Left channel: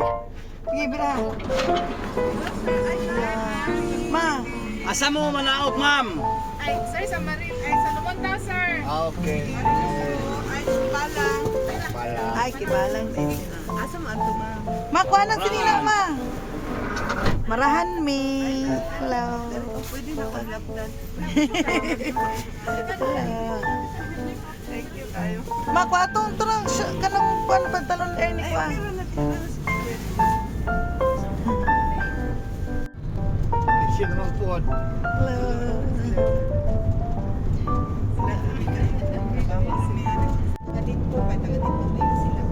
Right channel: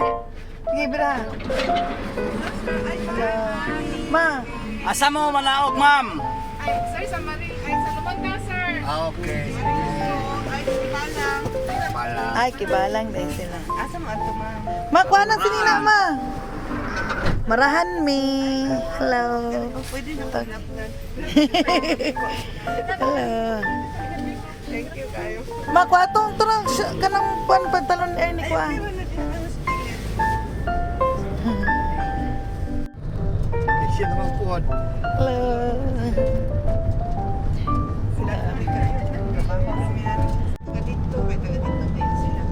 Sige, bra. Yeah. Ma, Asa mo manaog, ma'am? Ay, sir, sa Maril, ay, sa Lumonda, sir. Okay. Ay, balang. Pala. ay, kibalang dahil sila. Asa mo ato, ma'am? Ma, kuha ng sinila, ma. Marahan mi. Hello. Pwede na pag-lapdan. Hello. Thank you, kayo. Ma, kuha tong turang kanang pan pantalon air ni kuha. Na Siya naman po. Hello. Sila kami ka. Trabaho si Ari. Taga dito, taga dito ba yun sila?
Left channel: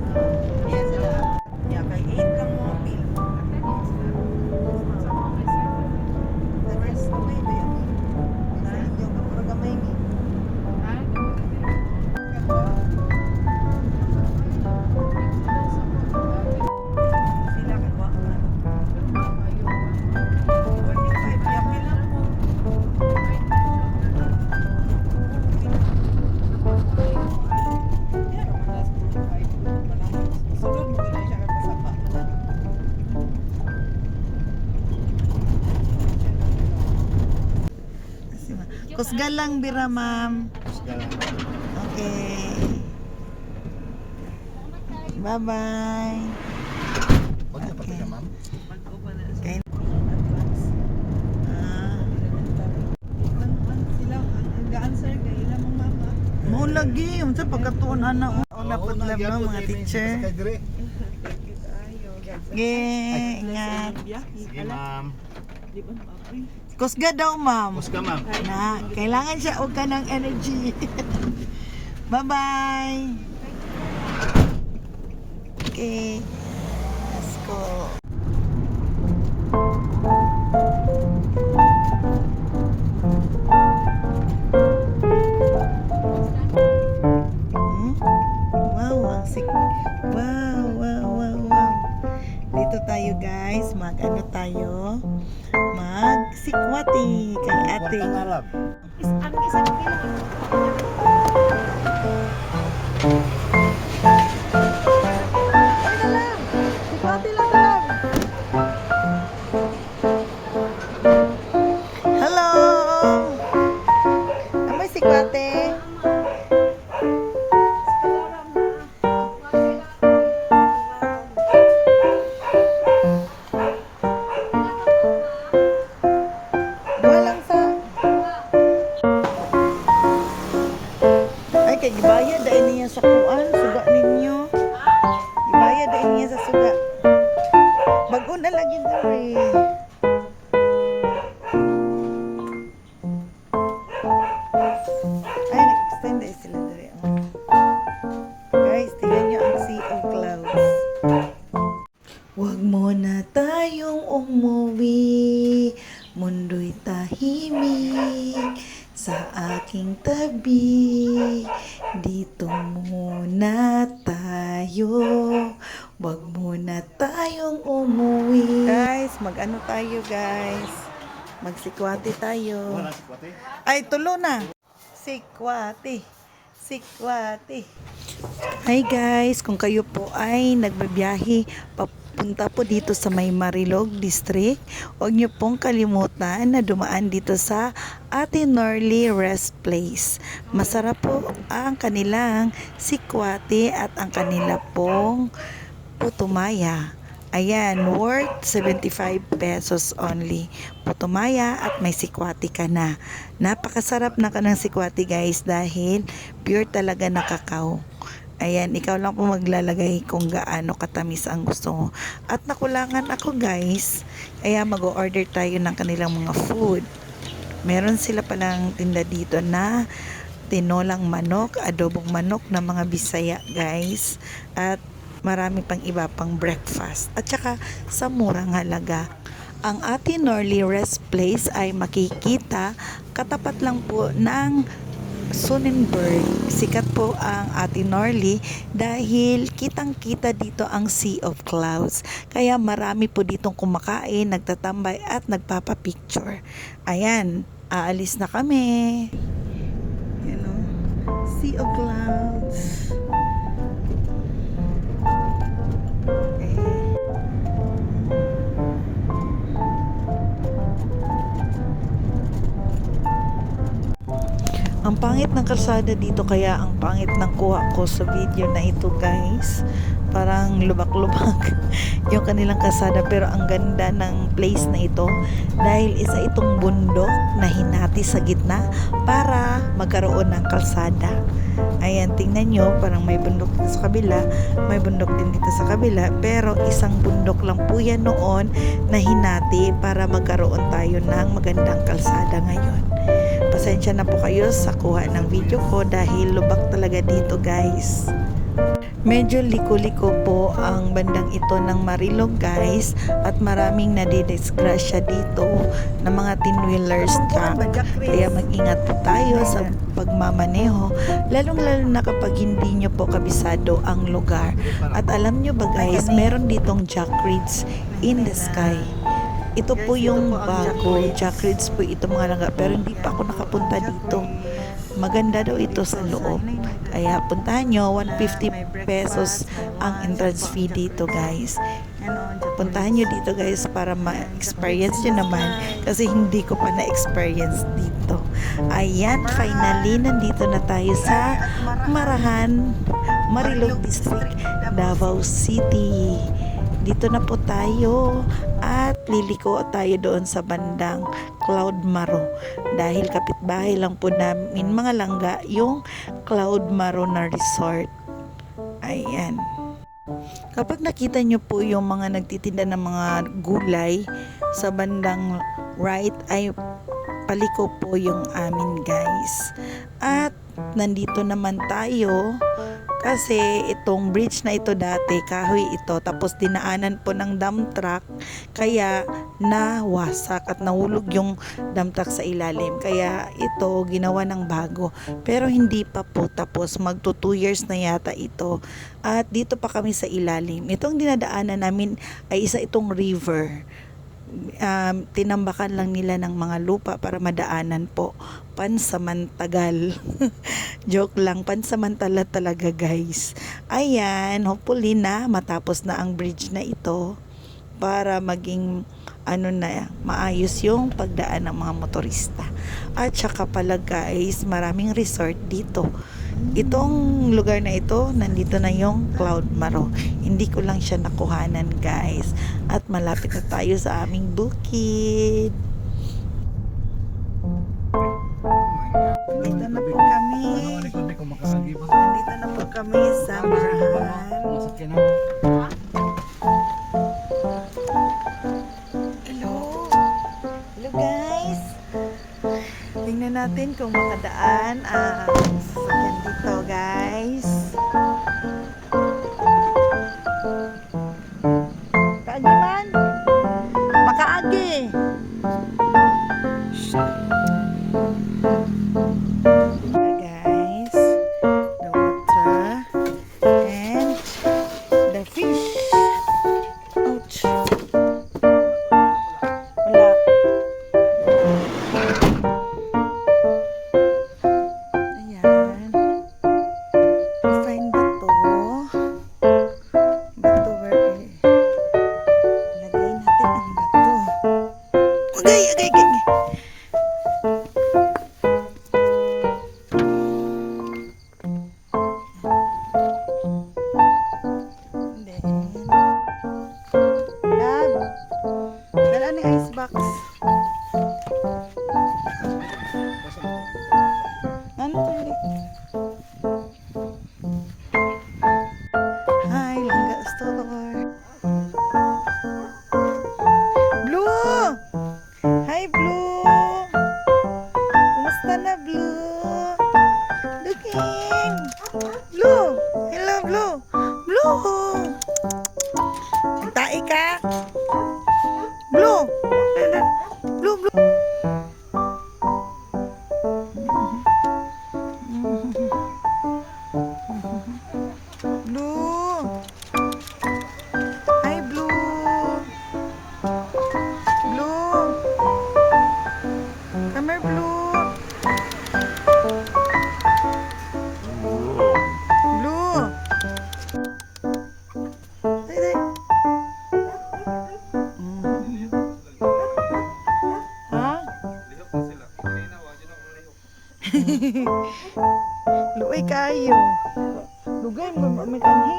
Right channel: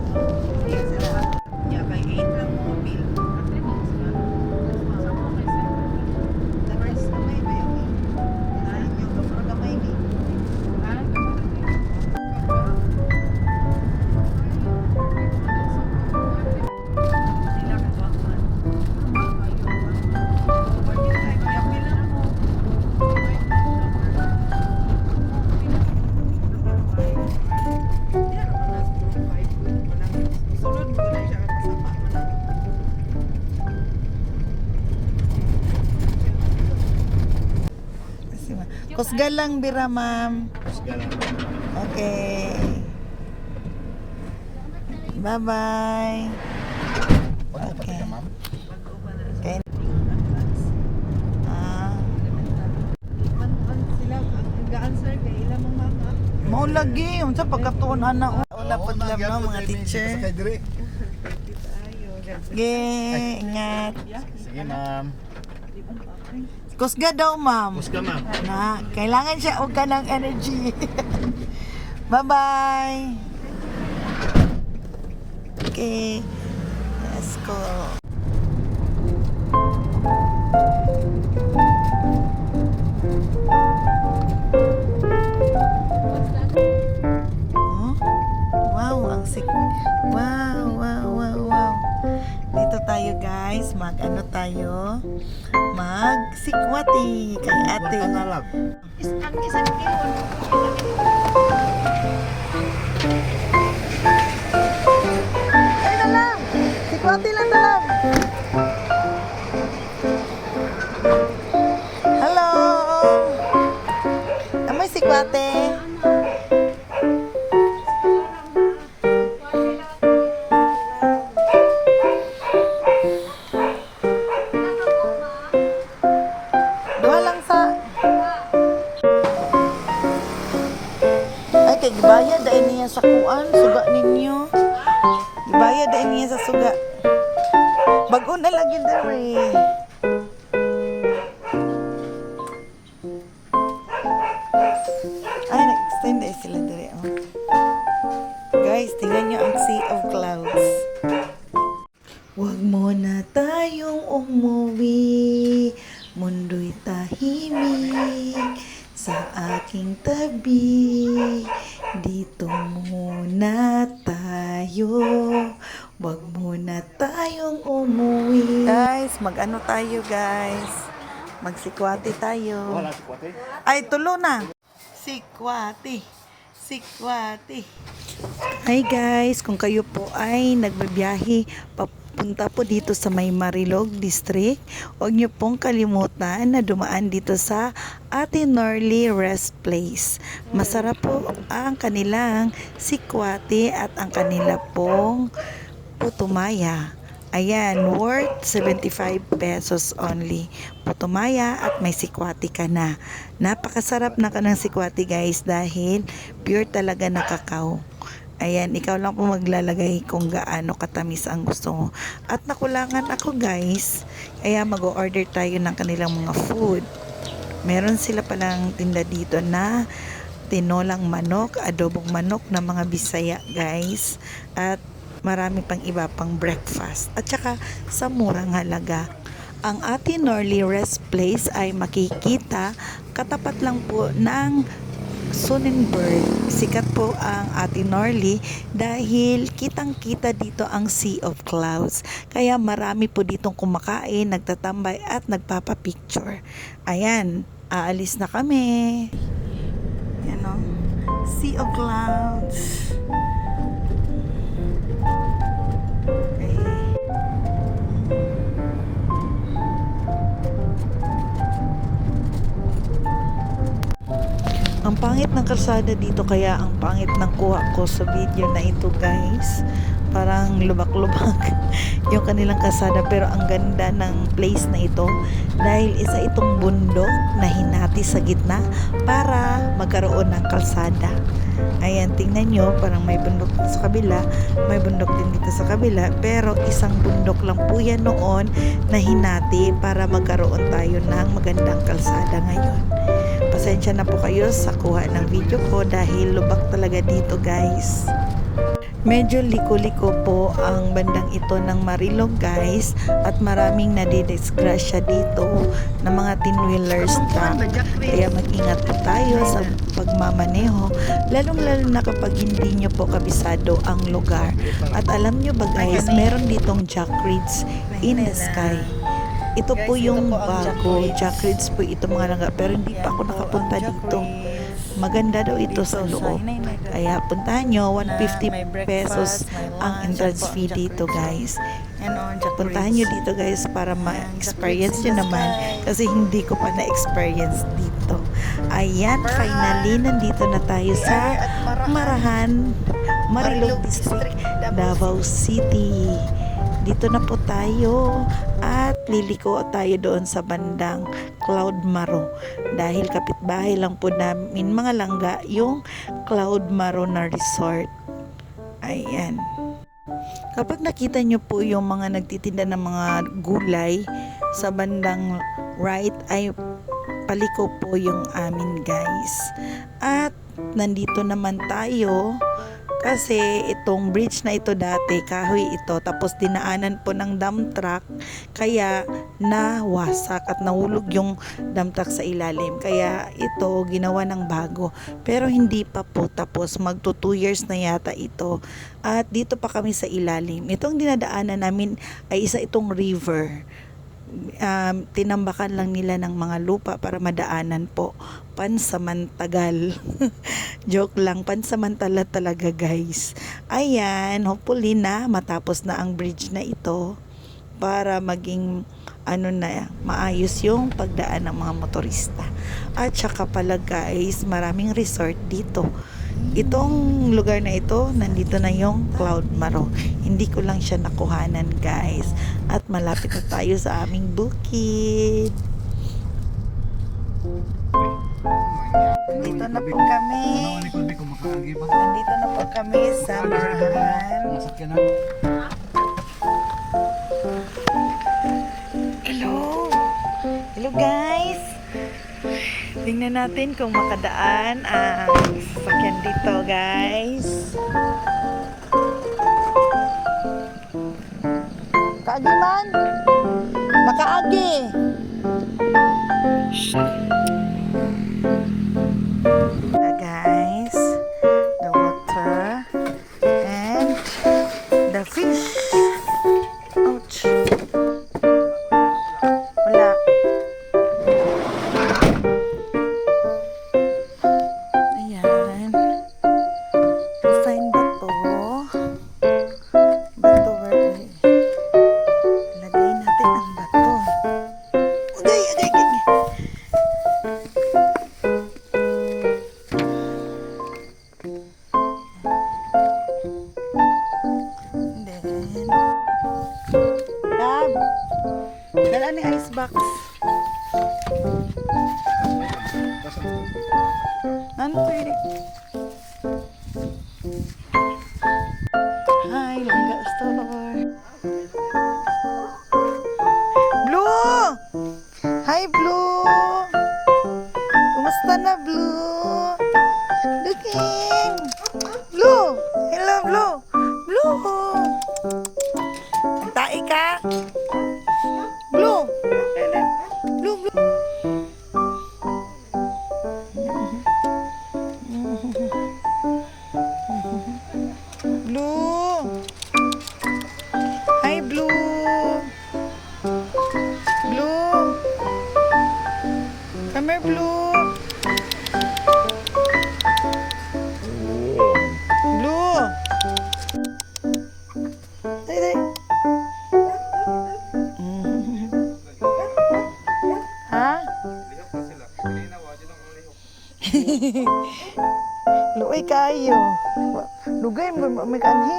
Kasi ma- Kusga lang bira, ma'am. Okay. Bye-bye. Okay. Okay. Ah, Mao lagi, unsa pagkatuon ana una pudlam no mga teacher. Ge, ingat. Sige, ma'am. Kusga daw, ma'am. Muska, ma'am. Na, kailangan siya og kanang energy. Bye-bye. Okay. Let's go. Guys, mag ano tayo? Mag sikwati kay ate. Ang isa ng kilo. Magsikwati tayo. Ay, tulo na Sikwati Sikwati Hi guys, kung kayo po ay nagbabiyahe papunta po dito sa May Marilog District, huwag niyo pong kalimutan na dumaan dito sa Ate Norly Rest Place. Masarap po ang kanilang sikwate at ang kanila pong putumaya. Ayan, worth 75 pesos only. Putumaya at may sikwati ka na. Napakasarap na ka ng sikwati guys dahil pure talaga na kakao. Ayan, ikaw lang po maglalagay kung gaano katamis ang gusto mo. At nakulangan ako guys, kaya mag-order tayo ng kanilang mga food. Meron sila palang tinda dito na tinolang manok, adobong manok ng mga Bisaya guys. At marami pang iba pang breakfast. At saka sa murang halaga. Ang Ate Norly Rest Place ay makikita katapat lang po ng Sonnenberg. Sikat po ang Ate Norly dahil kitang-kita dito ang Sea of Clouds. Kaya marami po ditong kumakain, nagtatambay at nagpapapicture. Ayan, aalis na kami. Yan o, Sea of Clouds. Ang pangit ng kalsada dito kaya ang pangit ng kuha ko sa video na ito guys. Parang lubak-lubak yung kanilang kalsada pero ang ganda ng place na ito dahil isa itong bundok na hinati sa gitna para magkaroon ng kalsada. Ayan, tingnan nyo, parang may bundok dito sa kabila, may bundok din dito sa kabila, pero isang bundok lang po yan noon na hinati para magkaroon tayo ng magandang kalsada ngayon. Pasensya na po kayo sa kuha ng video ko dahil lubak talaga dito guys. Medyo liko-liko po ang bandang ito ng Marilog guys at maraming nadidisgrasya dito ng mga tin-wheelers truck. Kaya mag-ingat po tayo sa pagmamaneho lalong lalo na kapag hindi nyo po kabisado ang lugar. At alam nyo ba guys, meron ditong Jack in the sky. Ito po yung bago, Jack Reeds po ito mga langga pero hindi pa ako nakapunta dito. Maganda daw ito sa loob. Kaya puntahan nyo, 150 pesos ang entrance fee dito guys. Puntahan nyo dito guys para ma-experience nyo naman. kasi hindi ko pa na-experience dito. Ayan, finally, nandito na tayo sa Marahan, Marilog District, Davao City. Dito na po tayo at liliko tayo doon sa bandang Cloud Maro dahil kapitbahay lang po namin mga langga yung Cloud Maro na resort. Ayan. Kapag nakita nyo po yung mga nagtitinda ng mga gulay sa bandang right ay paliko po yung amin guys. At nandito naman tayo kasi itong bridge na ito dati kahoy ito tapos dinaanan po ng dump truck kaya nawasak at nahulog yung dump truck sa ilalim. Kaya ito ginawa ng bago. Pero hindi pa po tapos magto 2 years na yata ito. At dito pa kami sa ilalim. Itong dinadaanan namin ay isa itong river um, tinambakan lang nila ng mga lupa para madaanan po. Pansamantagal. Joke lang pansamantala talaga guys. Ayan hopefully na matapos na ang bridge na ito para maging ano na maayos yung pagdaan ng mga motorista. At saka pala guys maraming resort dito itong lugar na ito nandito na yung Cloud Maro hindi ko lang siya nakuhanan guys at malapit na tayo sa aming bukid Nandito na po kami. Nandito na po kami sa Marahan. Hello. Hello guys. Tingnan natin kung makadaan ang sasakyan dito guys. Kaagi man. Makaagi. Uh, guys, the water and the fish. Dala ni ice box. Ano to yun? Hi, 痛。Luoy kayo. Lugay mo may kanhi.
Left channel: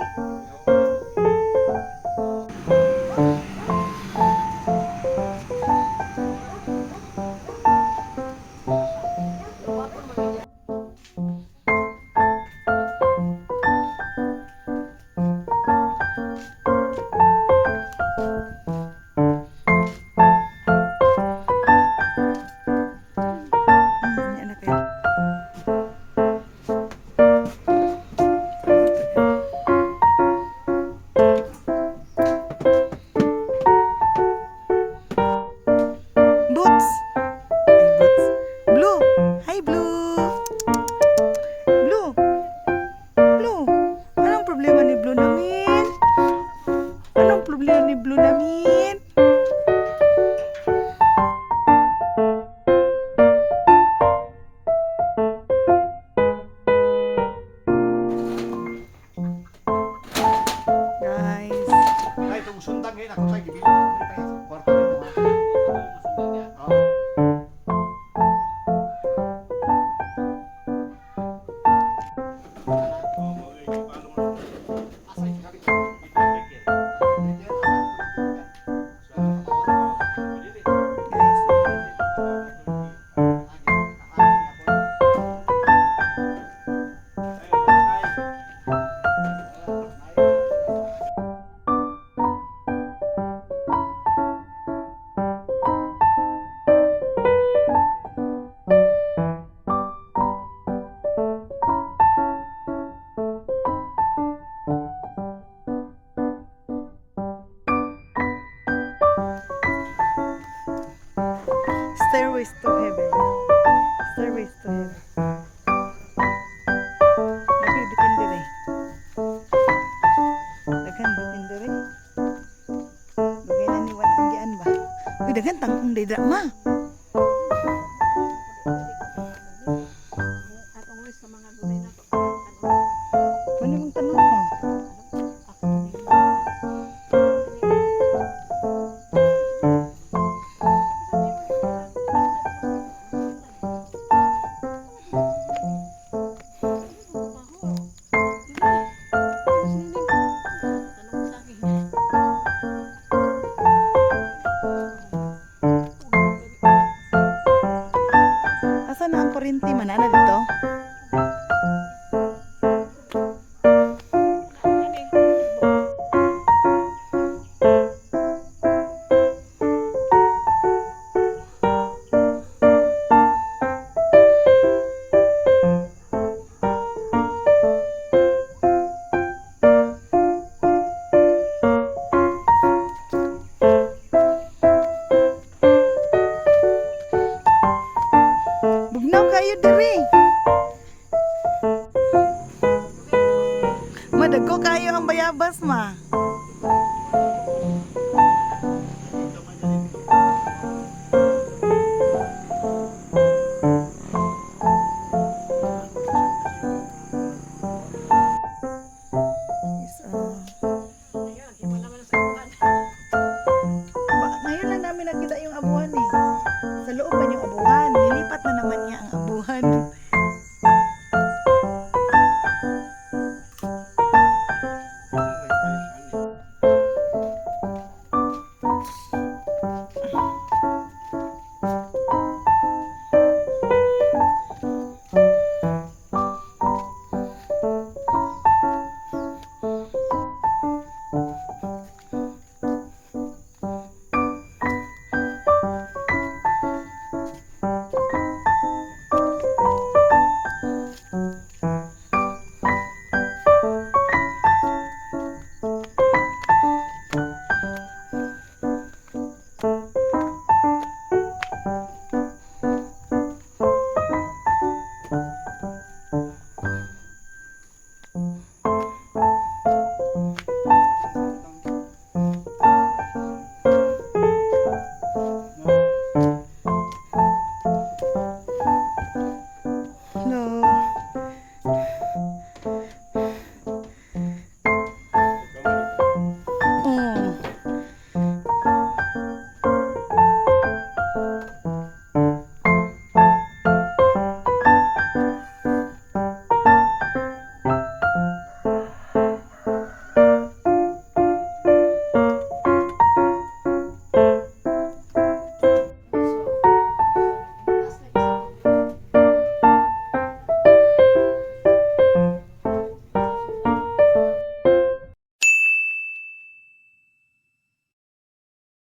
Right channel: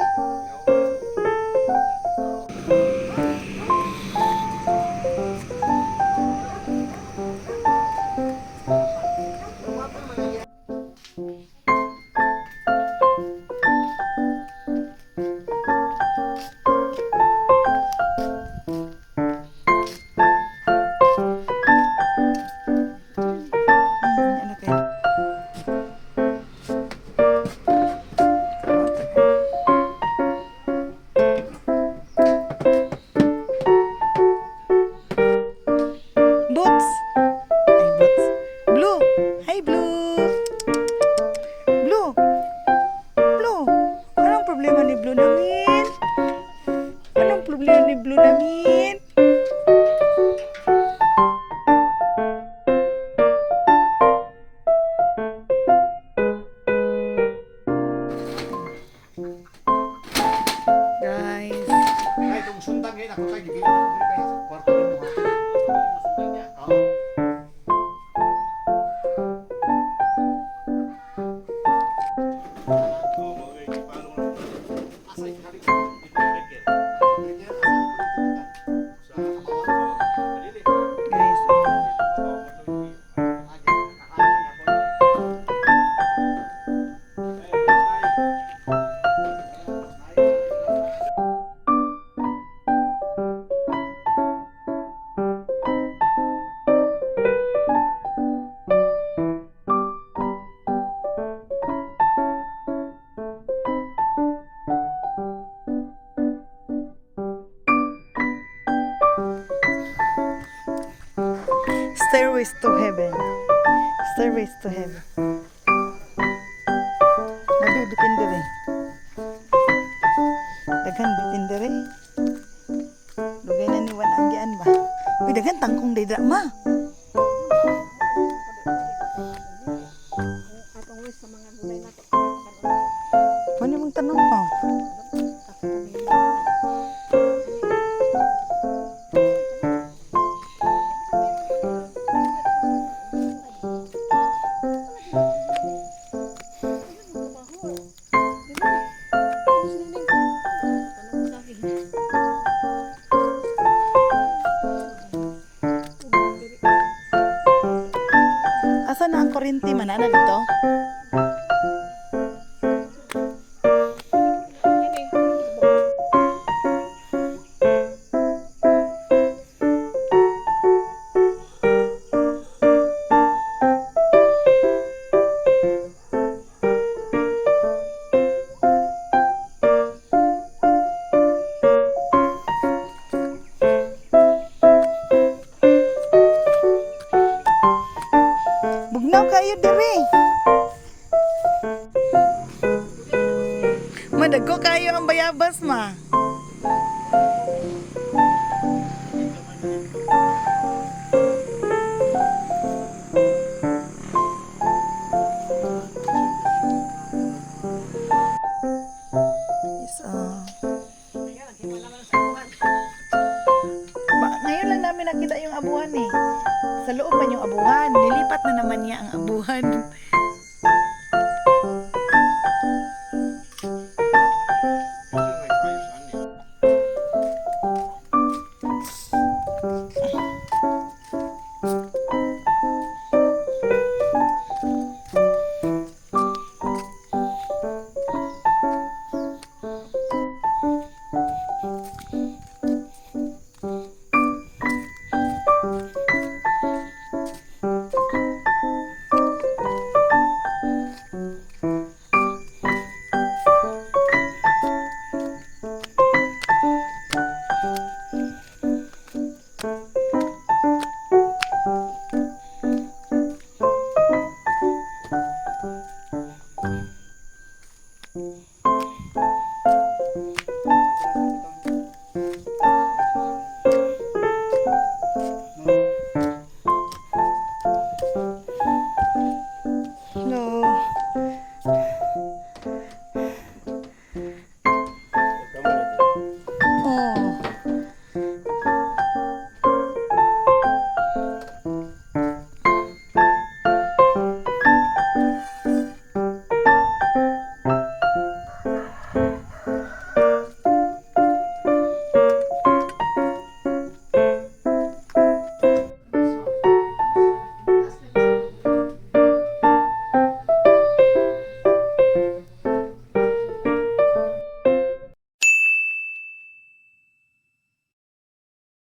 Sundang ngayon, Stairways to heaven. Stairways to heaven. Nabi, bitin dire. Daghan bitin dire. Lugay na ni Wan Anggian ba? Uy, daghan tangkong day drama. Asa na ang kurinti man? Ano kayo diri. Madagko kayo ang bayabas ma. おお